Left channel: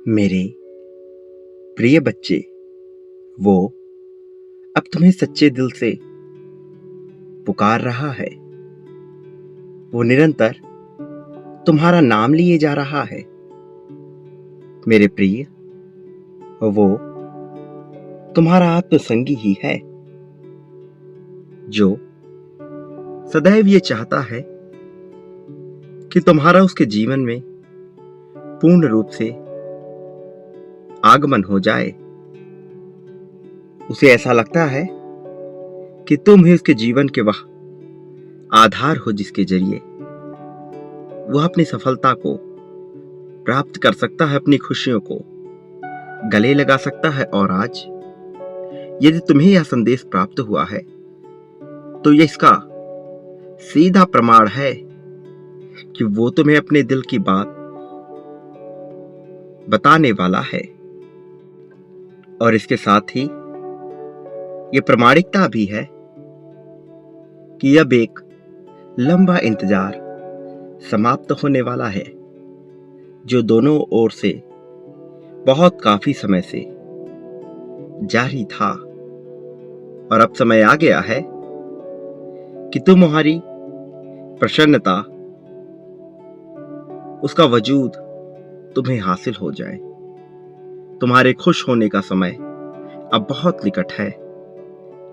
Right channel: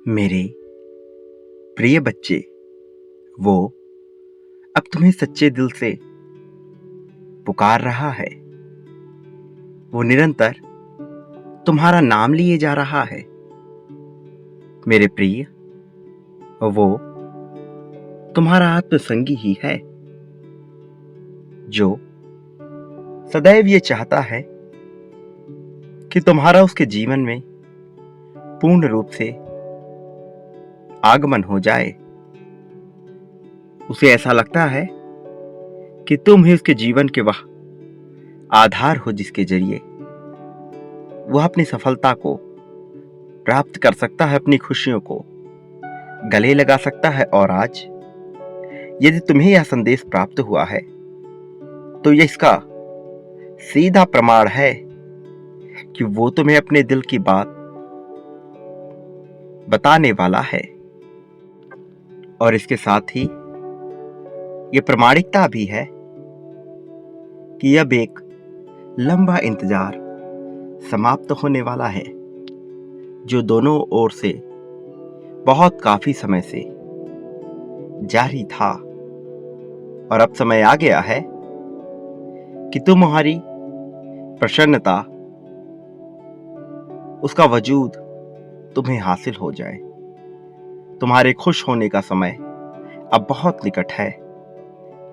मेरे प्रिय बच्चे, वो अब तुम्हें सच्चे दिल से पुकार रहा है। वो निरंतर तुम्हारा नाम लिए जा रहा है। मेरे प्रिय, वो तुम्हारा आत्मसंगी ही है, जो सदैव ये चाहता है कि तुम्हारा उसके जीवन में पूर्ण रूप से आगमन हो जाए। उसे ऐसा लगता है कि तुम ही उसके जीवन के वह आधार हो जिसके जरिए वह अपनी सफलता को प्राप्त कर सकता है, अपनी खुशियों को गले लगा सकता है। और आज यदि तुम्हें यह संदेश प्राप्त हुआ है तो यह इसका सीधा प्रमाण है कि वो तुम्हें अपने दिल की बात बताने वाला है। और इसके साथ ही यह प्रमाणिकता भी है कि अब एक लंबा इंतजार समाप्त होने वाला है, जो दोनों ओर से बहुत काफी समय से जारी था। और अब समय आ गया है कि तुम्हारी प्रसन्नता, उसका वजूद तुम्हें हासिल हो जाए। तुम्हारे खुश होने का समय अब बहुत निकट है।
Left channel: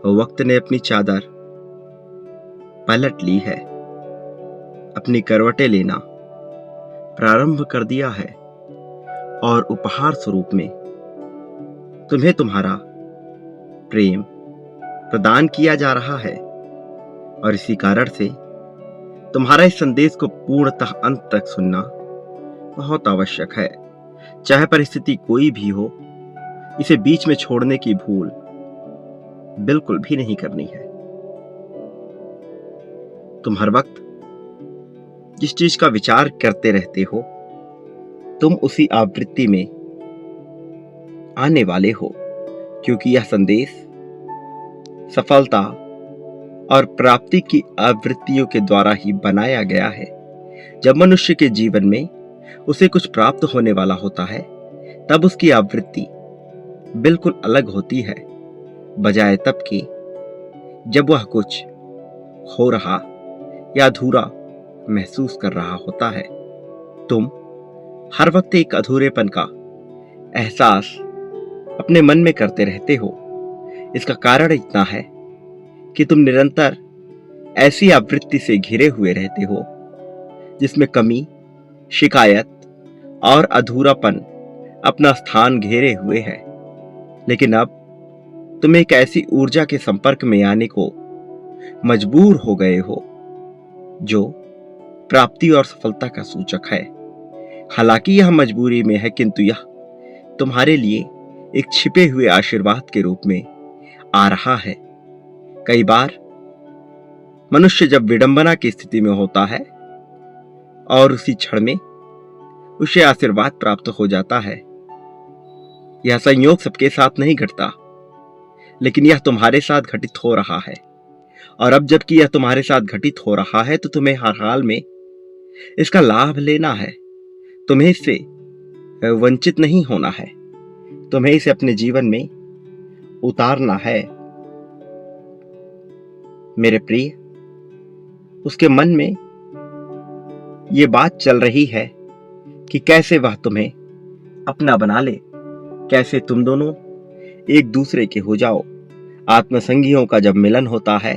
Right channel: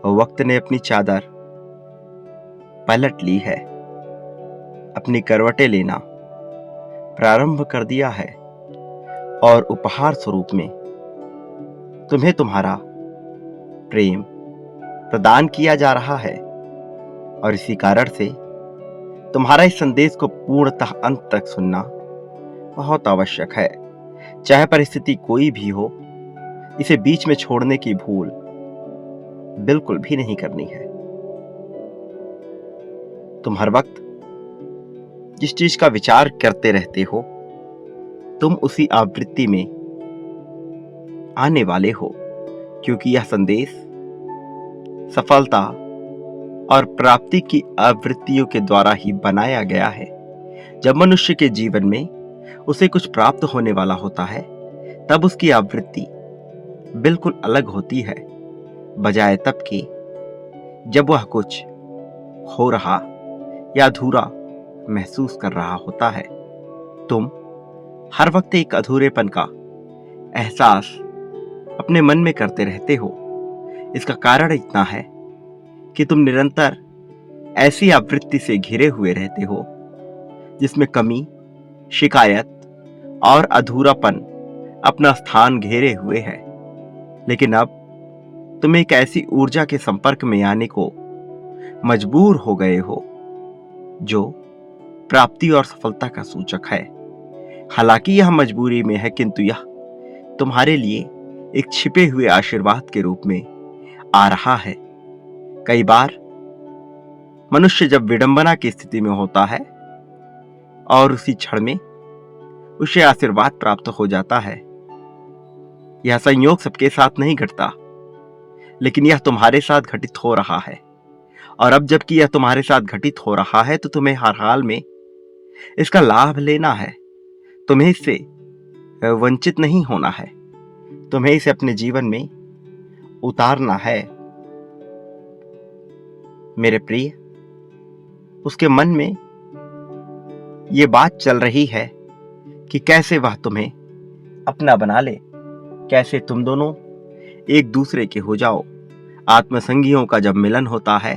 वक्त ने अपनी चादर पलट ली है, अपनी करवटें लेना प्रारंभ कर दिया है। और उपहार स्वरूप में तुम्हें तुम्हारा प्रेम प्रदान किया जा रहा है। और इसी कारण से तुम्हारा इस संदेश को पूर्णतः अंत तक सुनना बहुत आवश्यक है। चाहे परिस्थिति कोई भी हो, इसे बीच में छोड़ने की भूल बिल्कुल भी नहीं करनी है। तुम हर वक्त जिस चीज का विचार करते रहते हो, तुम उसी आवृत्ति में आने वाले हो, क्योंकि यह संदेश सफलता और प्राप्ति की आवृत्तियों के द्वारा ही बनाया गया है। जब मनुष्य के जीवन में उसे कुछ प्राप्त होने वाला होता है, तब उसकी आवृत्ति बिल्कुल अलग होती है, बजाय तब की जब वह कुछ हो रहा या अधूरा महसूस कर रहा होता है। तुम हर वक्त एक अधूरेपन का एहसास अपने मन में करते रहते हो। इसका कारण इतना है कि तुम निरंतर ऐसी आवृत्ति से घिरे हुए रहते हो जिसमें कमी, शिकायत और अधूरापन अपना स्थान घेरे हुए है। लेकिन अब तुम एक ऐसी ऊर्जा के संपर्क में आने को मजबूर हो गए हो जो प्राप्ति और सफलता का सूचक है। हालांकि यह मजबूरी में है, किंतु यह तुम्हारे लिए एक छिपे हुए आशीर्वाद के रूप में आ रहा है। कई बार मनुष्य जब विडंबना की स्थिति में होता है और उसी क्षण में उसे आशीर्वाद प्राप्त हो जाता है। यह संयोग सबके साथ नहीं घटता, लेकिन यह तुम्हारे साथ घटित हो रहा है। और अब जबकि यह तुम्हारे साथ घटित हो रहा है, तो तुम्हें हर हाल में इसका लाभ लेना है। तुम्हें इससे वंचित नहीं होना है। तुम्हें इसे अपने जीवन में उतारना है। मेरे प्रिय, उसके मन में यह बात चल रही है कि कैसे वह तुम्हें अपना बना ले, कैसे तुम दोनों एक दूसरे के हो जाओ। आत्मसंगियों का जब मिलन होता है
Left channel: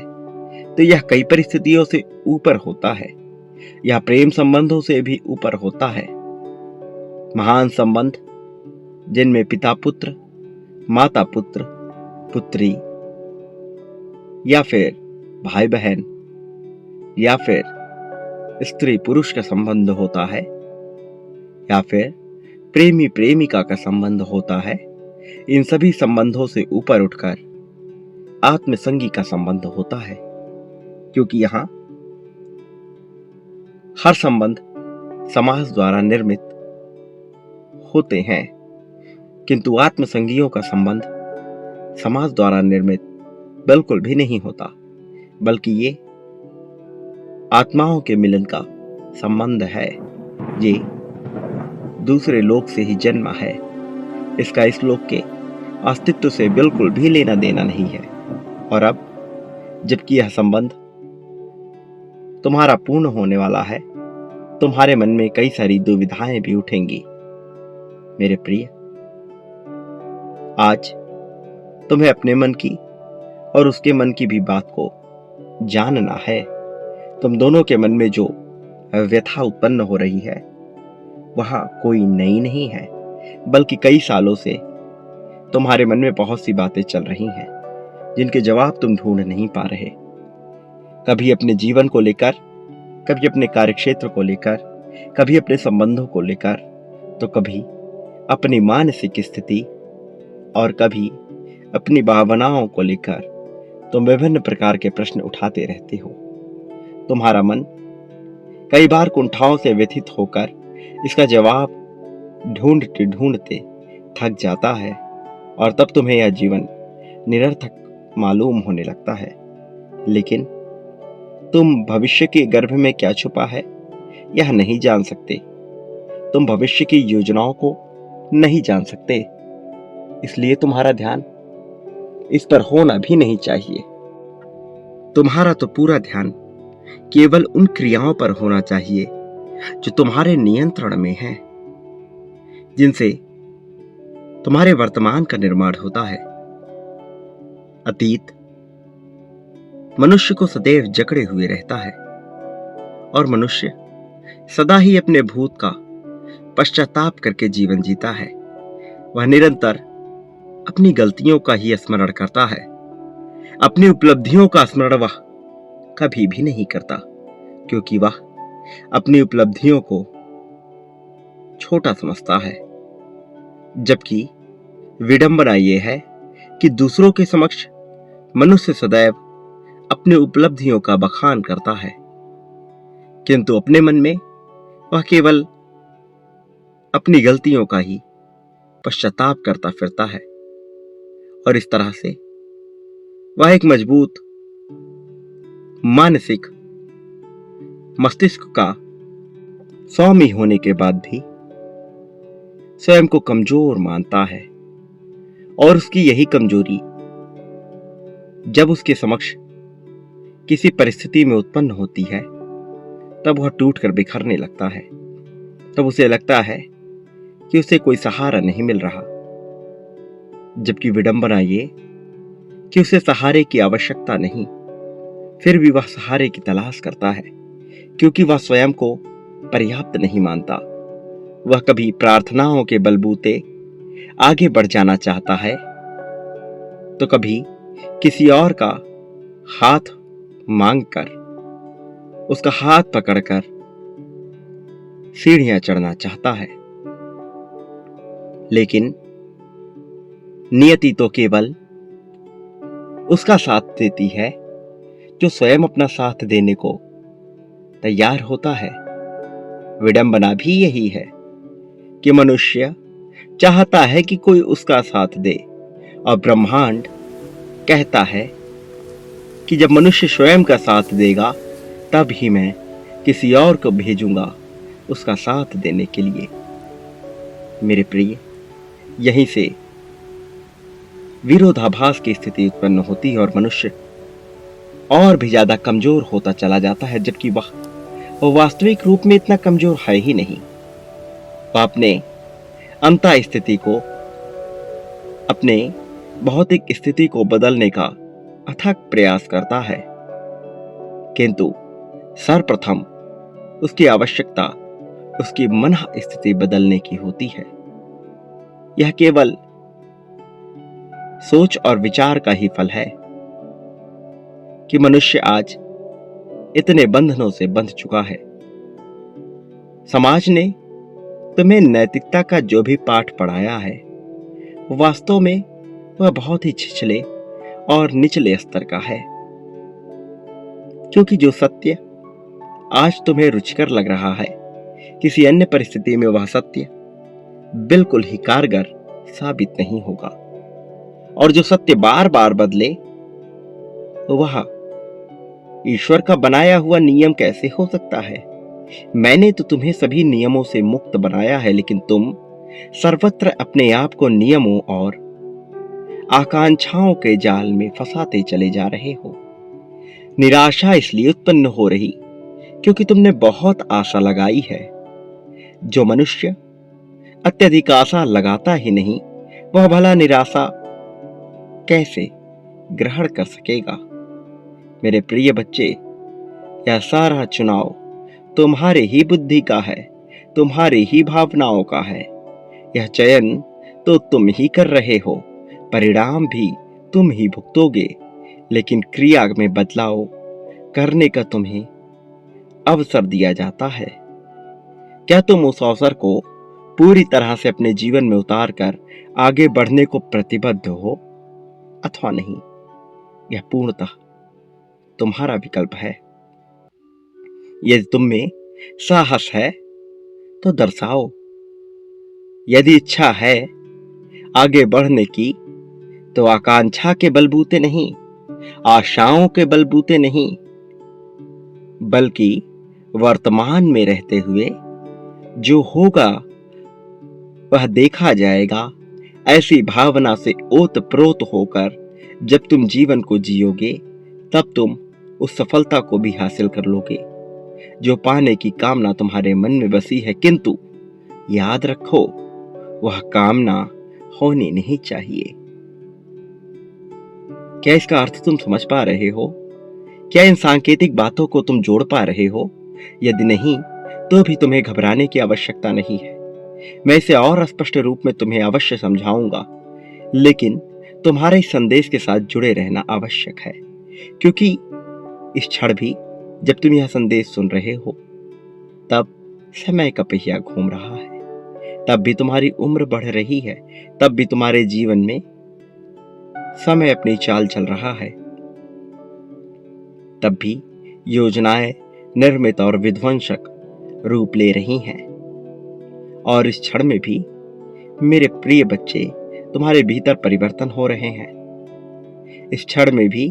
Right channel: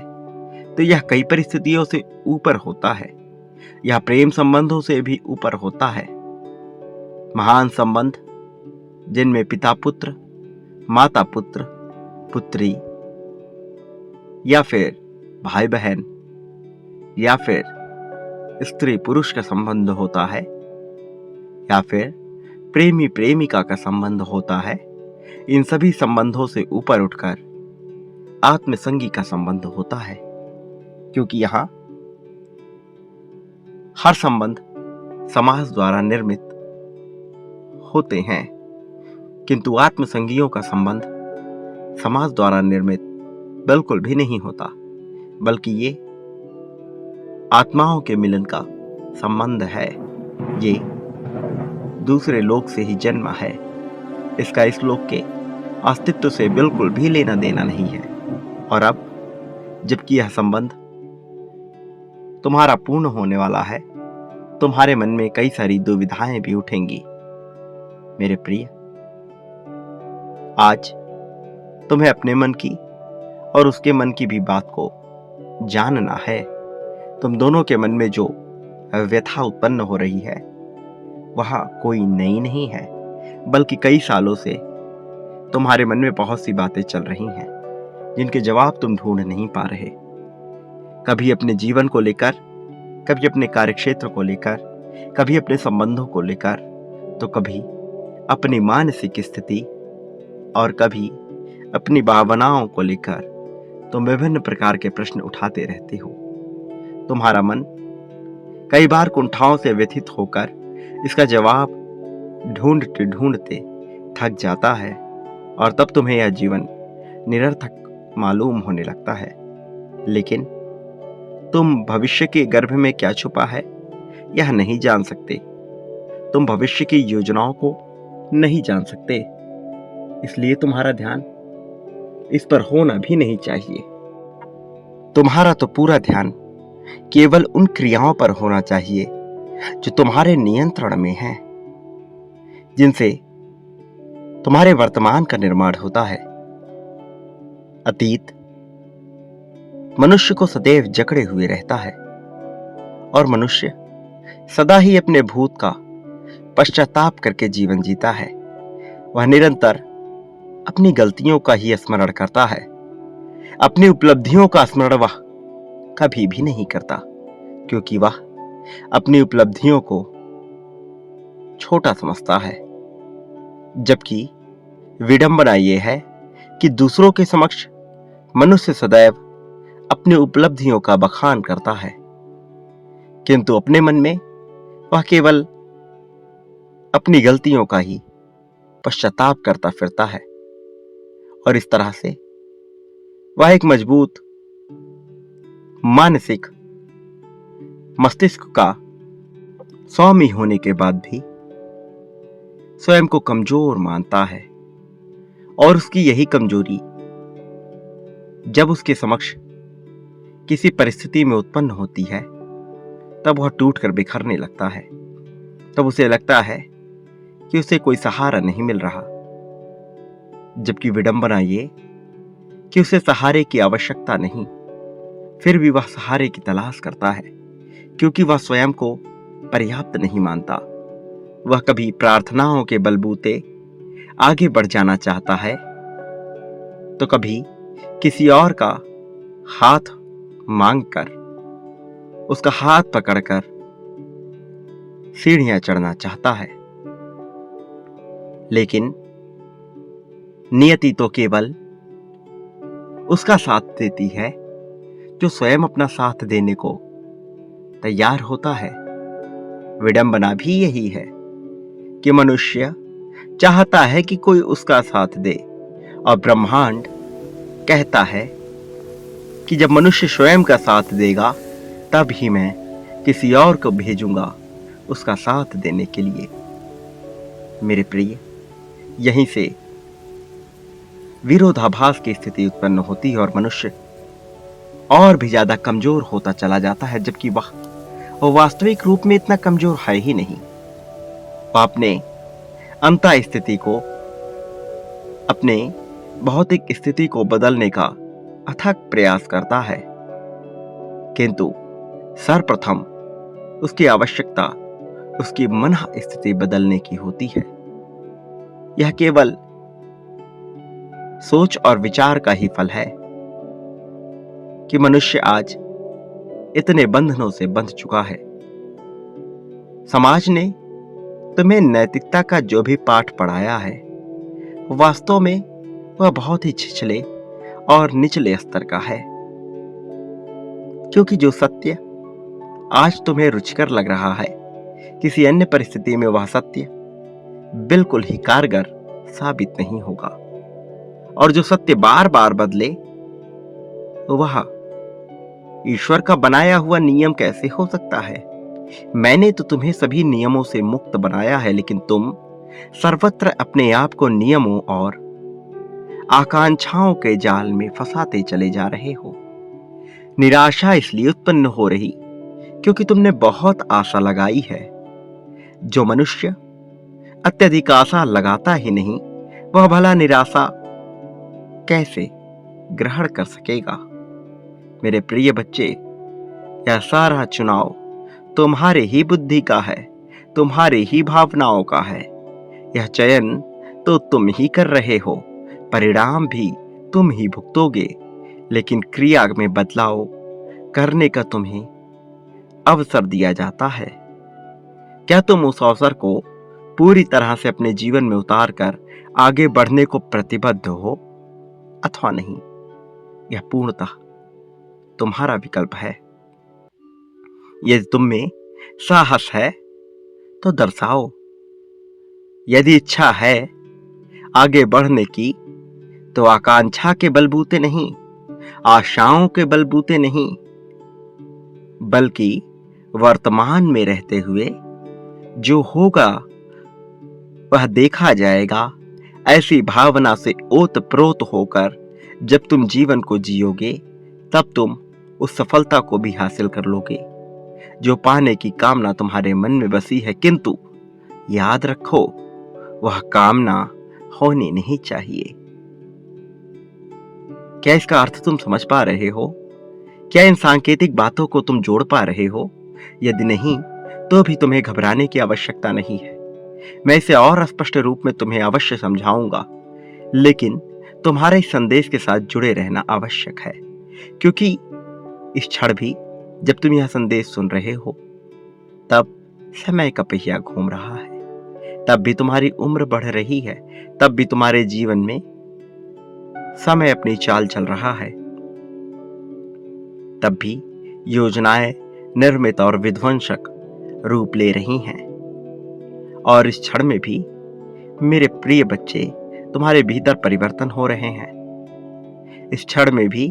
तो यह कई परिस्थितियों से ऊपर होता है। यह प्रेम संबंधों से भी ऊपर होता है। महान संबंध जिनमें पिता पुत्र, माता पुत्र, पुत्री, या फिर भाई बहन, या फिर स्त्री पुरुष का संबंध होता है, या फिर प्रेमी प्रेमिका का संबंध होता है। इन सभी संबंधों से ऊपर उठकर आत्मसंगी का संबंध होता है, क्योंकि यहां हर संबंध समाज द्वारा निर्मित होते हैं, किंतु आत्मसंगियों का संबंध समाज द्वारा निर्मित बिल्कुल भी नहीं होता, बल्कि ये आत्माओं के मिलन का संबंध है। ये दूसरे लोक से ही जन्मा है। इसका इस लोक के अस्तित्व से बिल्कुल भी लेना देना नहीं है। और अब जबकि यह संबंध तुम्हारा पूर्ण होने वाला है, तुम्हारे मन में कई सारी दुविधाएं भी उठेंगी। मेरे प्रिय, आज तुम्हें अपने मन की और उसके मन की भी बात को जानना है। तुम दोनों के मन में जो व्यथा उत्पन्न हो रही है वह कोई नई नहीं है, बल्कि कई सालों से तुम्हारे मन में बहुत सी बातें चल रही हैं जिनके जवाब तुम ढूंढ नहीं पा रहे। कभी अपने जीवन को लेकर, कभी अपने कार्यक्षेत्र को लेकर, कभी अपने संबंधों को लेकर, तो कभी अपनी मानसिक स्थिति और कभी अपनी भावनाओं को लेकर तुम विभिन्न प्रकार के प्रश्न उठाते रहते हो। तुम्हारा मन कई बार कुंठाओं से व्यथित होकर इसका जवाब ढूंढते ढूंढते थक जाता है और तब तुम्हें यह जीवन निरर्थक मालूम होने लगता है। लेकिन तुम भविष्य के गर्भ में क्या छुपा है यह नहीं जान सकते। तुम भविष्य की योजनाओं को नहीं जान सकते, इसलिए तुम्हारा ध्यान इस पर होना भी नहीं चाहिए। तुम्हारा तो पूरा ध्यान केवल उन क्रियाओं पर होना चाहिए जो तुम्हारे नियंत्रण में हैं, जिनसे तुम्हारे वर्तमान का निर्माण होता है। अतीत मनुष्य को सदैव जकड़े हुए रहता है और मनुष्य सदा ही अपने भूत का पश्चाताप करके जीवन जीता है। वह निरंतर अपनी गलतियों का ही स्मरण करता है, अपनी उपलब्धियों का स्मरण वह कभी भी नहीं करता, क्योंकि वह अपनी उपलब्धियों को छोटा समझता है। जबकि विडंबना यह है कि दूसरों के समक्ष मनुष्य सदैव अपनी उपलब्धियों का बखान करता है, किंतु अपने मन में वह केवल अपनी गलतियों का ही पश्चाताप करता फिरता है। और इस तरह से वह एक मजबूत मानसिक मस्तिष्क का स्वामी होने के बाद भी स्वयं को कमजोर मानता है। और उसकी यही कमजोरी जब उसके समक्ष किसी परिस्थिति में उत्पन्न होती है तब वह टूटकर बिखरने लगता है। तब उसे लगता है कि उसे कोई सहारा नहीं मिल रहा, जबकि विडंबना ये कि उसे सहारे की आवश्यकता नहीं, फिर भी वह सहारे की तलाश करता है, क्योंकि वह स्वयं को पर्याप्त नहीं मानता। वह कभी प्रार्थनाओं के बलबूते आगे बढ़ जाना चाहता है, तो कभी किसी और का हाथ मांगकर, उसका हाथ पकड़कर सीढ़ियां चढ़ना चाहता है। लेकिन नियति तो केवल उसका साथ देती है जो स्वयं अपना साथ देने को तैयार होता है। विडंबना भी यही है कि मनुष्य चाहता है कि कोई उसका साथ दे, और ब्रह्मांड कहता है कि जब मनुष्य स्वयं का साथ देगा तब ही मैं किसी और को भेजूंगा उसका साथ देने के लिए। मेरे प्रिय, यहीं से विरोधाभास की स्थिति उत्पन्न होती है और मनुष्य और भी ज्यादा कमजोर होता चला जाता है, जबकि वह वास्तविक रूप में इतना कमजोर है ही नहीं। वह अपने अंतः स्थिति को, अपने भौतिक स्थिति को बदलने का अथक प्रयास करता है, किंतु सर्वप्रथम उसकी आवश्यकता उसकी मन स्थिति बदलने की होती है। यह केवल सोच और विचार का ही फल है कि मनुष्य आज इतने बंधनों से बंध चुका है। समाज ने तुम्हें नैतिकता का जो भी पाठ पढ़ाया है, वास्तव में वह बहुत ही छिछले और निचले स्तर का है, क्योंकि जो सत्य आज तुम्हें रुचिकर लग रहा है, किसी अन्य परिस्थिति में वह सत्य बिल्कुल ही कारगर साबित नहीं होगा। और जो सत्य बार बार बदले, वह ईश्वर का बनाया हुआ नियम कैसे हो सकता है मैंने तो तुम्हें सभी नियमों से मुक्त बनाया है, लेकिन तुम सर्वत्र अपने आप को नियमों और आकांक्षाओं के जाल में फंसाते चले जा रहे हो। निराशा इसलिए उत्पन्न हो रही क्योंकि तुमने बहुत आशा लगाई है। जो मनुष्य अत्यधिक आशा लगाता ही नहीं, वह भला निराशा कैसे ग्रहण कर सकेगा। मेरे प्रिय बच्चे, यह सारा चुनाव तुम्हारे ही बुद्धि का है, तुम्हारे ही भावनाओं का है। यह चयन तो तुम ही कर रहे हो, परिणाम भी तुम ही भुगतोगे, लेकिन क्रिया में बदलाव करने का तुम्हें अवसर दिया जाता है। क्या तुम उस अवसर को पूरी तरह से अपने जीवन में उतार कर आगे बढ़ने को प्रतिबद्ध हो अथवा नहीं? यह पूर्णतः तुम्हारा विकल्प है। यदि तुम में साहस है तो दर्शाओ। यदि इच्छा है आगे बढ़ने की, तो आकांक्षा के बलबूते नहीं, आशाओं के बलबूते नहीं, बल्कि वर्तमान में रहते हुए जो होगा वह देखा जाएगा, ऐसी भावना से ओतप्रोत होकर जब तुम जीवन को जियोगे, तब तुम उस सफलता को भी हासिल कर लोगे जो पाने की कामना तुम्हारे मन में बसी है। किंतु याद रखो, वह कामना होनी नहीं चाहिए। क्या इसका अर्थ तुम समझ पा रहे हो? क्या इन सांकेतिक बातों को तुम जोड़ पा रहे हो? यदि नहीं, तो भी तुम्हें घबराने की आवश्यकता नहीं है। मैं इसे और स्पष्ट रूप में तुम्हें अवश्य समझाऊंगा, लेकिन तुम्हारे इस संदेश के साथ जुड़े रहना आवश्यक है, क्योंकि इस क्षण भी जब तुम यह संदेश सुन रहे हो, तब समय का पहिया घूम रहा है, तब भी तुम्हारी उम्र बढ़ रही है, तब भी तुम्हारे जीवन में समय अपनी चाल चल रहा है, तब भी योजनाएं निर्मित और विध्वंसक रूप ले रही हैं। और इस क्षण में भी मेरे प्रिय बच्चे, तुम्हारे भीतर परिवर्तन हो रहे हैं। इस क्षण में भी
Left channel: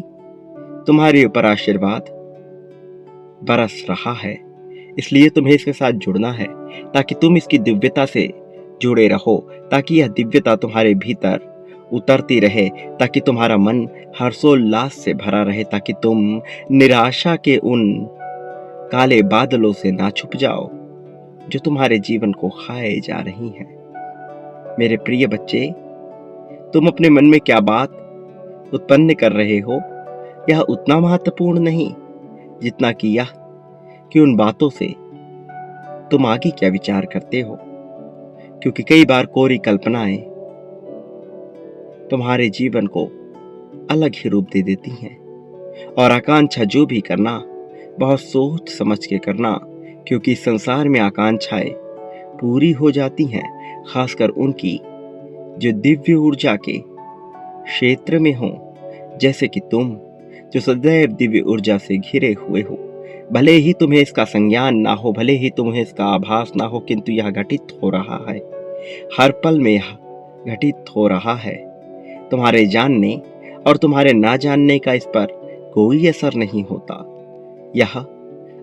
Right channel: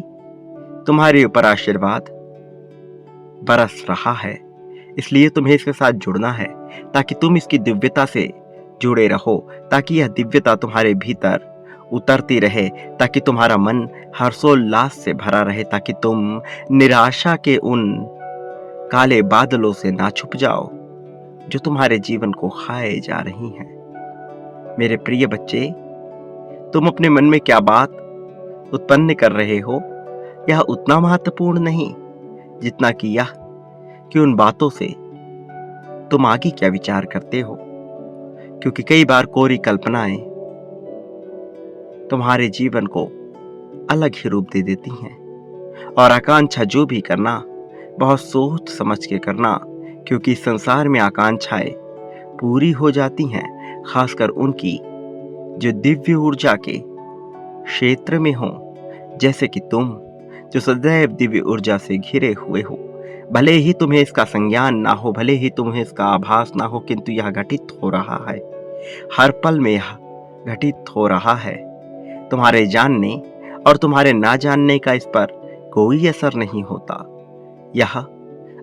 तुम्हारे ऊपर आशीर्वाद बरस रहा है, इसलिए तुम्हें इसके साथ जुड़ना है ताकि तुम इसकी दिव्यता से जुड़े रहो, ताकि यह दिव्यता तुम्हारे भीतर उतरती रहे, ताकि तुम्हारा मन हर्षोल्लास से भरा रहे, ताकि तुम निराशा के उन काले बादलों से ना छुप जाओ जो तुम्हारे जीवन को खाए जा रही हैं। मेरे प्रिय बच्चे, तुम अपने मन में क्या बात उत्पन्न कर रहे हो, यह उतना महत्वपूर्ण नहीं जितना कि यह कि उन बातों से तुम आगे क्या विचार करते हो, क्योंकि कई बार कोरी कल्पनाएं तुम्हारे जीवन को अलग ही रूप दे देती हैं। और आकांक्षा जो भी करना, बहुत सोच समझ के करना, क्योंकि संसार में आकांक्षाएं पूरी हो जाती हैं, खासकर उनकी जो दिव्य ऊर्जा के क्षेत्र में हो, जैसे कि तुम जो सदैव दिव्य ऊर्जा से घिरे हुए हो। भले ही तुम्हें इसका संज्ञान ना हो, भले ही तुम्हें इसका आभास ना हो, किंतु यह घटित हो रहा है, हर पल में यह घटित हो रहा है। तुम्हारे जानने और तुम्हारे ना जानने का इस पर कोई असर नहीं होता, यह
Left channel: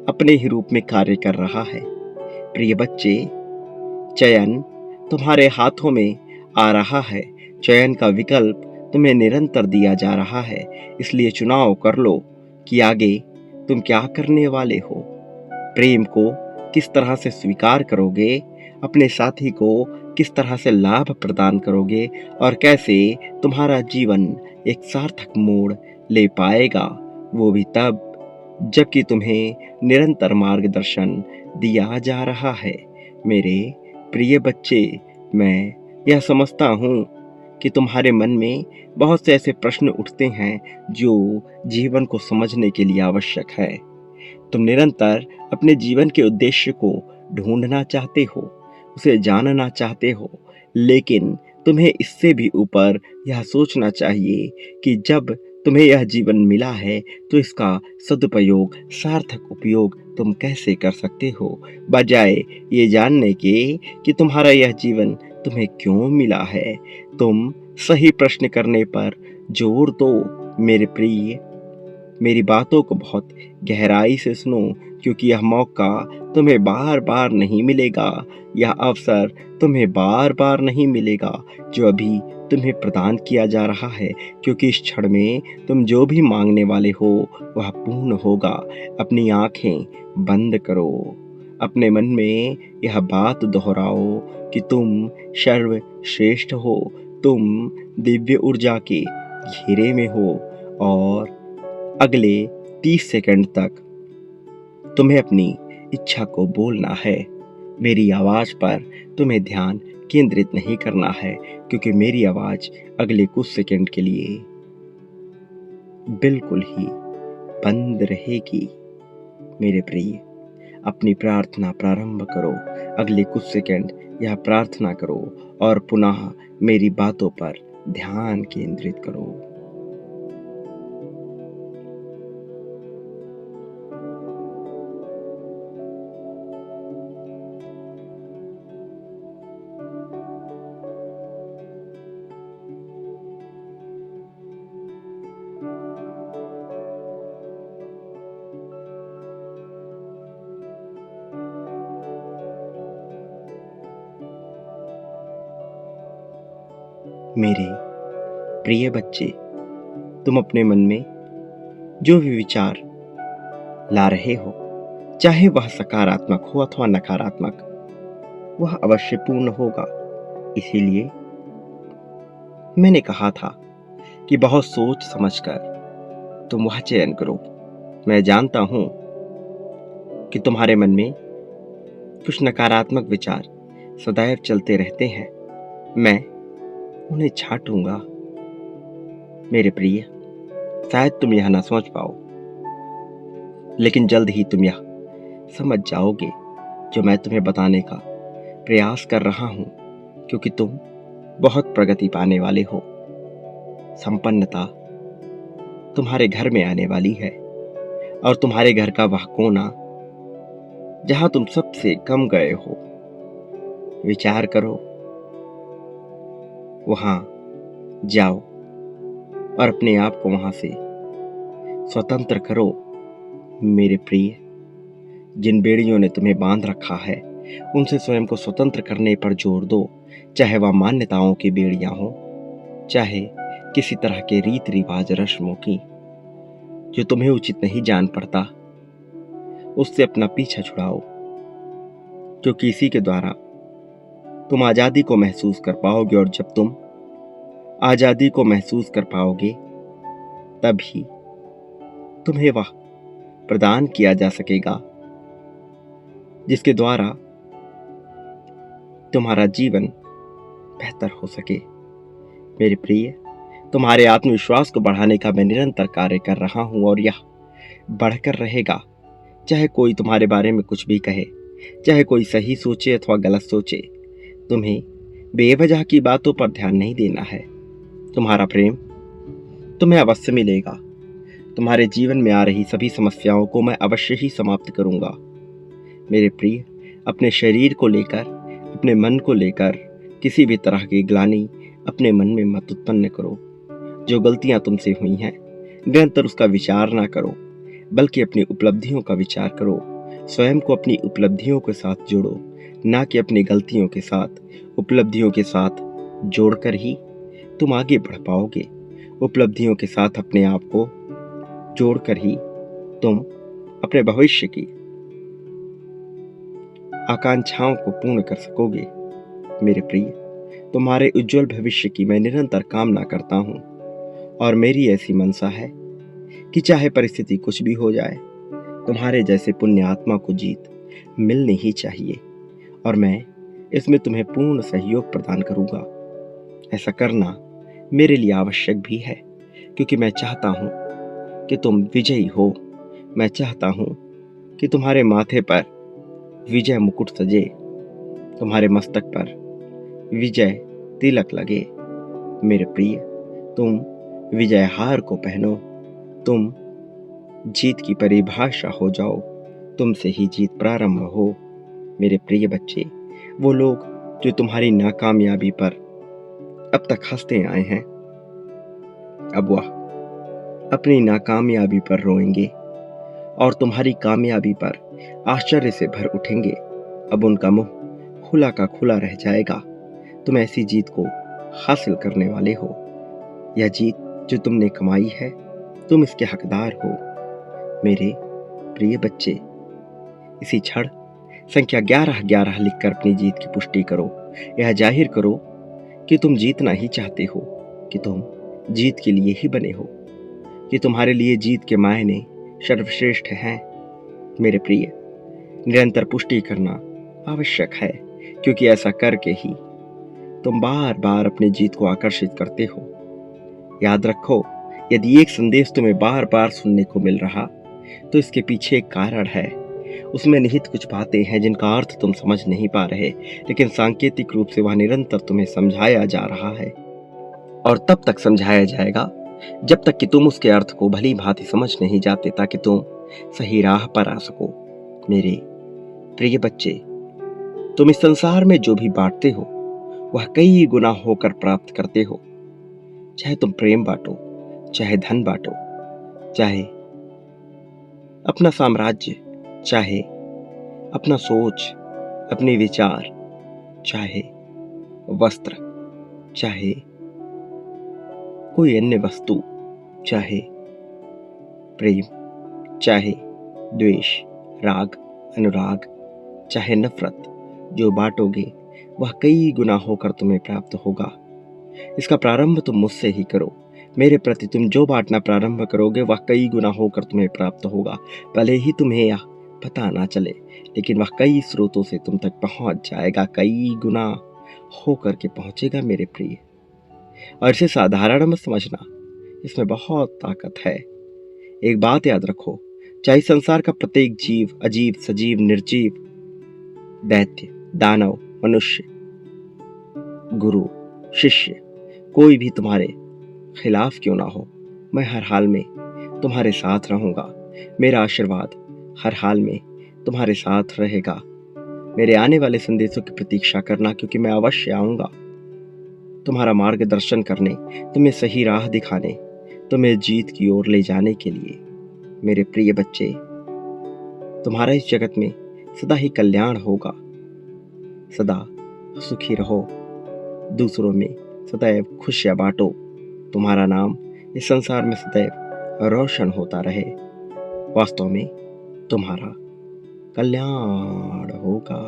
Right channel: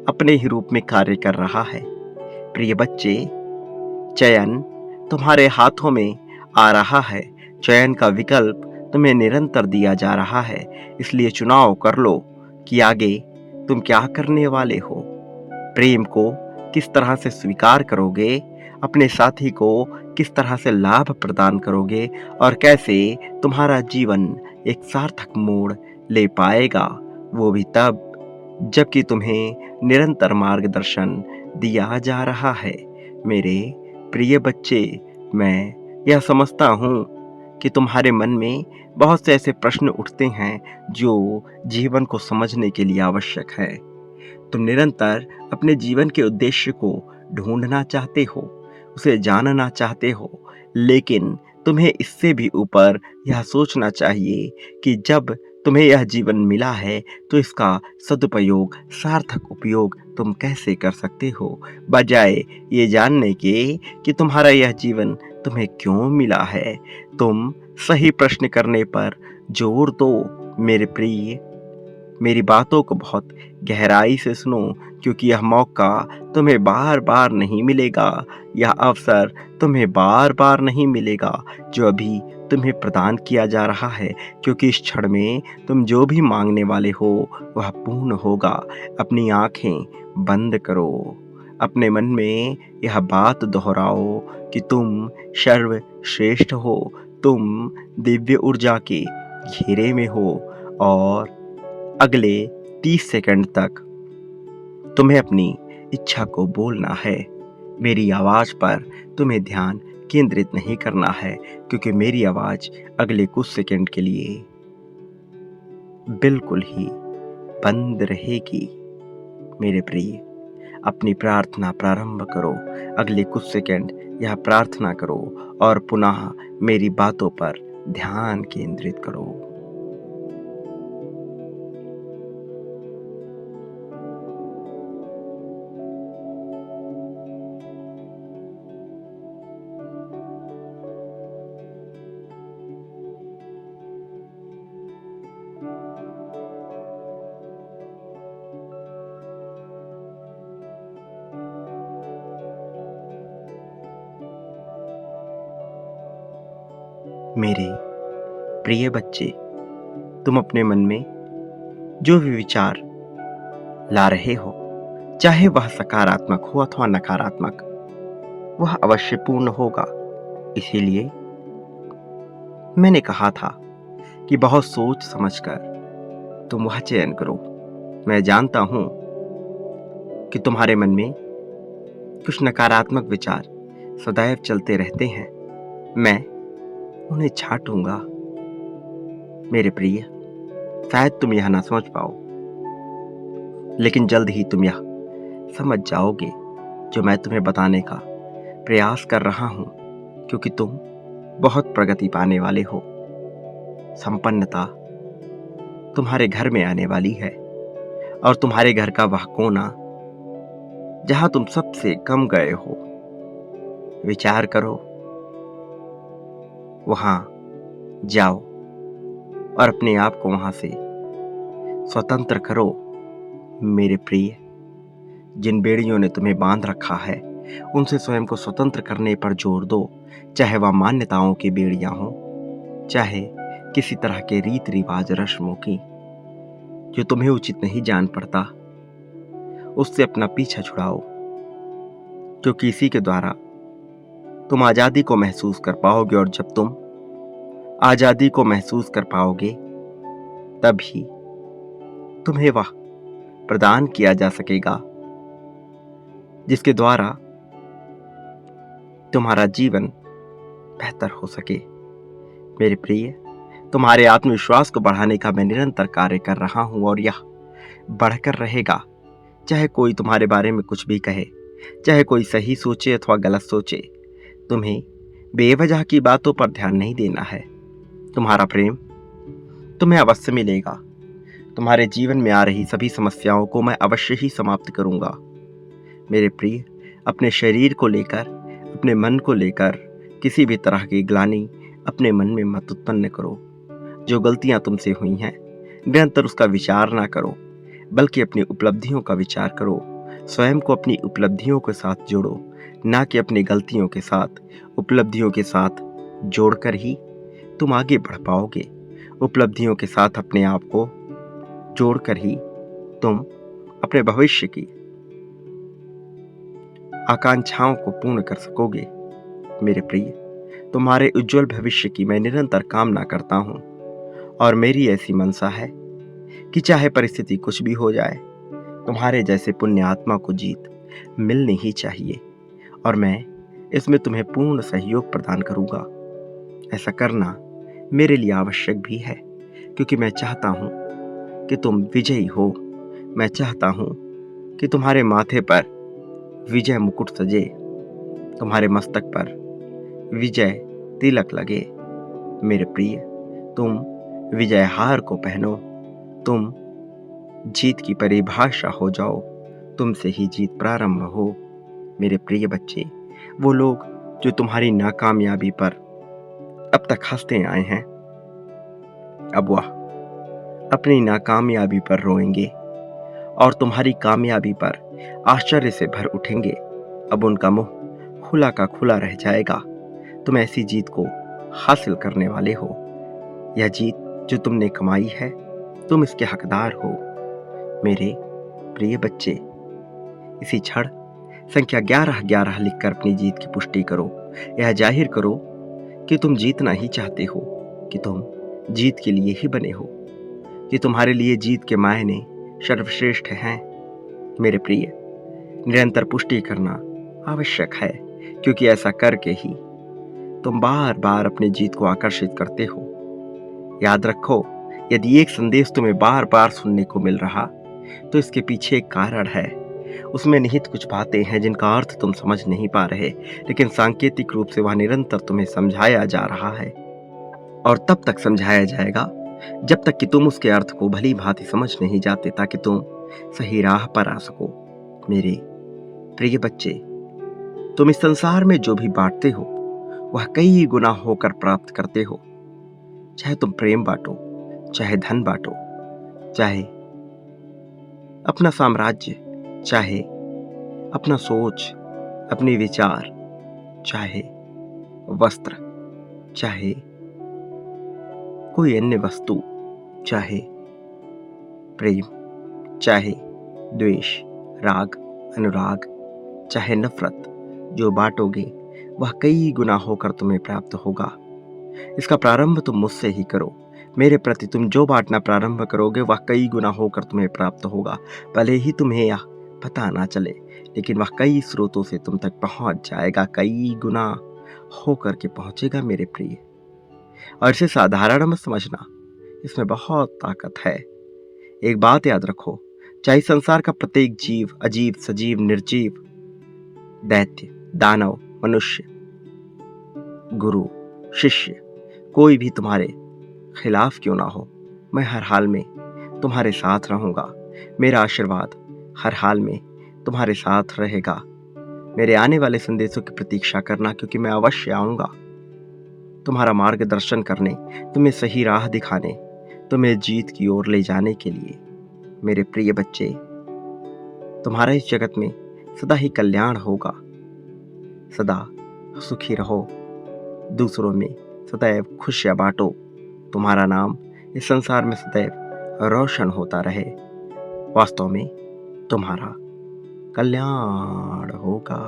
अपने ही रूप में कार्य कर रहा है। प्रिय बच्चे, चयन तुम्हारे हाथों में आ रहा है, चयन का विकल्प तुम्हें निरंतर दिया जा रहा है, इसलिए चुनाव कर लो कि आगे तुम क्या करने वाले हो। प्रेम को किस तरह से स्वीकार करोगे, अपने साथी को किस तरह से लाभ प्रदान करोगे, और कैसे तुम्हारा जीवन एक सार्थक मोड़ ले पाएगा, वो भी तब जबकि तुम्हें निरंतर मार्गदर्शन दिया जा रहा है। मेरे प्रिय बच्चे, मैं यह समझता हूँ कि तुम्हारे मन में बहुत से ऐसे प्रश्न उठते हैं जो जीवन को समझने के लिए आवश्यक है। तुम निरंतर अपने जीवन के उद्देश्य को ढूंढना चाहते हो, उसे जानना चाहते हो, लेकिन तुम्हें इससे भी ऊपर यह सोचना चाहिए कि जब तुम्हें यह जीवन मिला है तो इसका सदुपयोग, सार्थक उपयोग तुम कैसे कर सकते हो, बजाय ये जानने के कि तुम्हारा यह जीवन तुम्हें क्यों मिला है। तुम सही प्रश्न करने पर जोर दो। मेरे प्रिय, मेरी बातों को बहुत गहराई से सुनो, क्योंकि यह मौका तुम्हें बार बार नहीं मिलेगा, यह अवसर तुम्हें बार बार नहीं मिलेगा जो अभी तुम्हें प्रदान किया जा रहा है, क्योंकि इस क्षण में तुम जो भी मांगने वाले हो वह पूर्ण होगा। अपनी आंखें बंद करो, अपने मन में यह बात दोहराओ कि तुम सर्वश्रेष्ठ हो, तुम दिव्य ऊर्जा के घेरे में हो और अगले 30 सेकंड तक तुम्हें अपनी इच्छा को बोलना है। मेरी आवाज पर तुम्हें ध्यान केंद्रित नहीं करना है, क्योंकि मेरी आवाज अगले कुछ सेकंड के लिए बिल्कुल ही बंद रहेगी। मेरे प्रिय, अपनी प्रार्थना प्रारंभ करो। अगले कुछ सेकंड यह प्रार्थना करो और पुनः मेरी बातों पर ध्यान केंद्रित करो। मेरे प्रिय बच्चे, तुम अपने मन में जो भी विचार ला रहे हो, चाहे वह सकारात्मक हो अथवा नकारात्मक, वह अवश्य पूर्ण होगा। इसीलिए मैंने कहा था कि बहुत सोच समझकर तुम वह चयन करो। मैं जानता हूं कि तुम्हारे मन में कुछ नकारात्मक विचार सदैव चलते रहते हैं। मैं उन्हें छांटूंगा। मेरे प्रिय, शायद तुम यह ना सोच पाओ, लेकिन जल्द ही तुम यह समझ जाओगे जो मैं तुम्हें बताने का प्रयास कर रहा हूं, क्योंकि तुम बहुत प्रगति पाने वाले हो। संपन्नता तुम्हारे घर में आने वाली है और तुम्हारे घर का वह कोना जहां तुम सबसे कम गए हो, विचार करो, वहां जाओ और अपने आप को वहां से स्वतंत्र करो। मेरे प्रिय, जिन बेड़ियों ने तुम्हें बांध रखा है उनसे स्वयं को स्वतंत्र करने पर जोर दो, चाहे वह मान्यताओं की बेड़ियां हो, चाहे किसी तरह के रीत रिवाज रस्मों की जो तुम्हें उचित नहीं जान पड़ता, उससे अपना पीछा छुड़ाओ, क्योंकि इसी के द्वारा तुम आजादी को महसूस कर पाओगे और जब तुम आजादी को महसूस कर पाओगे तभी तुम्हें वह प्रदान किया जा सकेगा जिसके द्वारा तुम्हारा जीवन बेहतर हो सके। मेरे प्रिय, तुम्हारे आत्मविश्वास को बढ़ाने का मैं निरंतर कार्य कर रहा हूं और यह बढ़कर रहेगा। चाहे कोई तुम्हारे बारे में कुछ भी कहे, चाहे कोई सही सोचे अथवा गलत सोचे, तुम्हें बेवजह की बातों पर ध्यान नहीं देना है। तुम्हारा प्रेम तुम्हें अवश्य मिलेगा। तुम्हारे जीवन में आ रही सभी समस्याओं को मैं अवश्य ही समाप्त करूंगा। मेरे प्रिय, अपने शरीर को लेकर, अपने मन को लेकर किसी भी तरह की ग्लानि अपने मन में मत उत्पन्न करो। जो गलतियां तुमसे हुई हैं निरंतर उसका विचार ना करो, बल्कि अपनी उपलब्धियों का विचार करो। स्वयं को अपनी उपलब्धियों के साथ जोड़ो, ना कि अपनी गलतियों के साथ। उपलब्धियों के साथ जोड़कर ही तुम आगे बढ़ पाओगे। उपलब्धियों के साथ अपने आप को जोड़कर ही तुम अपने भविष्य की आकांक्षाओं को पूर्ण कर सकोगे। मेरे प्रिय, तुम्हारे उज्जवल भविष्य की मैं निरंतर कामना करता हूं और मेरी ऐसी मनसा है कि चाहे परिस्थिति कुछ भी हो जाए, तुम्हारे जैसे पुण्य आत्मा को जीत मिलनी ही चाहिए और मैं इसमें तुम्हें पूर्ण सहयोग प्रदान करूंगा। ऐसा करना मेरे लिए आवश्यक भी है, क्योंकि मैं चाहता हूं कि तुम विजयी हो। मैं चाहता हूं कि तुम्हारे माथे पर विजय मुकुट सजे, तुम्हारे मस्तक पर विजय तिलक लगे। मेरे प्रिय, तुम विजय हार को पहनो, तुम जीत की परिभाषा हो जाओ, तुमसे ही जीत प्रारंभ हो। मेरे प्रिय बच्चे, वो लोग जो तुम्हारी नाकामयाबी पर अब तक हंसते आए हैं, अब वह अपनी नाकामयाबी पर रोएंगे और तुम्हारी कामयाबी पर आश्चर्य से भर उठेंगे। अब उनका मुंह खुला का खुला रह जाएगा। तुम ऐसी जीत को हासिल करने वाले हो। यह जीत जो तुमने कमाई है, तुम इसके हकदार हो। मेरे प्रिय बच्चे, इसी क्षण संख्या 1111 लिखकर अपनी जीत की पुष्टि करो। यह जाहिर करो कि तुम जीतना ही चाहते हो, कि तुम जीत के लिए ही बने हो, कि तुम्हारे लिए जीत के मायने सर्वश्रेष्ठ हैं। मेरे प्रिय, निरंतर पुष्टि करना आवश्यक है, क्योंकि ऐसा करके ही तुम बार बार अपनी जीत को आकर्षित करते हो। याद रखो, यदि एक संदेश तुम्हें बार बार सुनने को मिल रहा, तो इसके पीछे एक कारण है। उसमें निहित कुछ बातें हैं जिनका अर्थ तुम समझ नहीं पा रहे, लेकिन सांकेतिक रूप से वह निरंतर तुम्हें समझाया जा रहा है, और तब तक समझाया जाएगा जब तक कि तुम उसके अर्थ को भली भांति समझ नहीं जाते, ताकि तुम सही राह पर आ सको। मेरे प्रिय बच्चे, तुम इस संसार में जो भी बांटते हो, वह कई गुना होकर प्राप्त करते हो। चाहे तुम प्रेम बांटो, चाहे धन बांटो, चाहे अपना साम्राज्य, चाहे अपना सोच, अपने विचार, चाहे वस्त्र, चाहे कोई अन्य वस्तु, चाहे प्रेम, चाहे द्वेष, राग, अनुराग, चाहे नफरत, जो बांटोगे वह कई गुना होकर तुम्हें प्राप्त होगा। इसका प्रारंभ तुम मुझसे ही करो। मेरे प्रति तुम जो बांटना प्रारंभ करोगे, वह कई गुना होकर तुम्हें प्राप्त होगा। भले ही तुम्हें यह पता ना चले, लेकिन वह कई स्रोतों से तुम तक पहुंच जाएगा, कई गुना होकर के पहुंचेगा मेरे प्रिय। और इसे साधारण मत समझना, इसमें बहुत ताकत है। एक बात याद रखो, चाहे संसार का प्रत्येक जीव, अजीब, सजीव, निर्जीव, दैत्य, दानव, मनुष्य, गुरु, शिष्य, कोई भी तुम्हारे खिलाफ क्यों ना हो, मैं हर हाल में तुम्हारे साथ रहूंगा। मेरा आशीर्वाद हर हाल में तुम्हारे साथ रहेगा। मेरे आने वाले संदेशों की प्रतीक्षा करना, क्योंकि मैं अवश्य आऊंगा तुम्हारा मार्गदर्शन करने, तुम्हें सही राह दिखाने, तुम्हें जीत की ओर ले जाने के लिए। मेरे प्रिय बच्चे, तुम्हारा इस जगत में सदा ही कल्याण होगा। सदा सुखी रहो, दूसरों में सदैव खुशियां बांटो। तुम्हारा नाम इस संसार में सदैव रोशन होता रहे। वास्तव में तुम्हारा कल्याण होगा।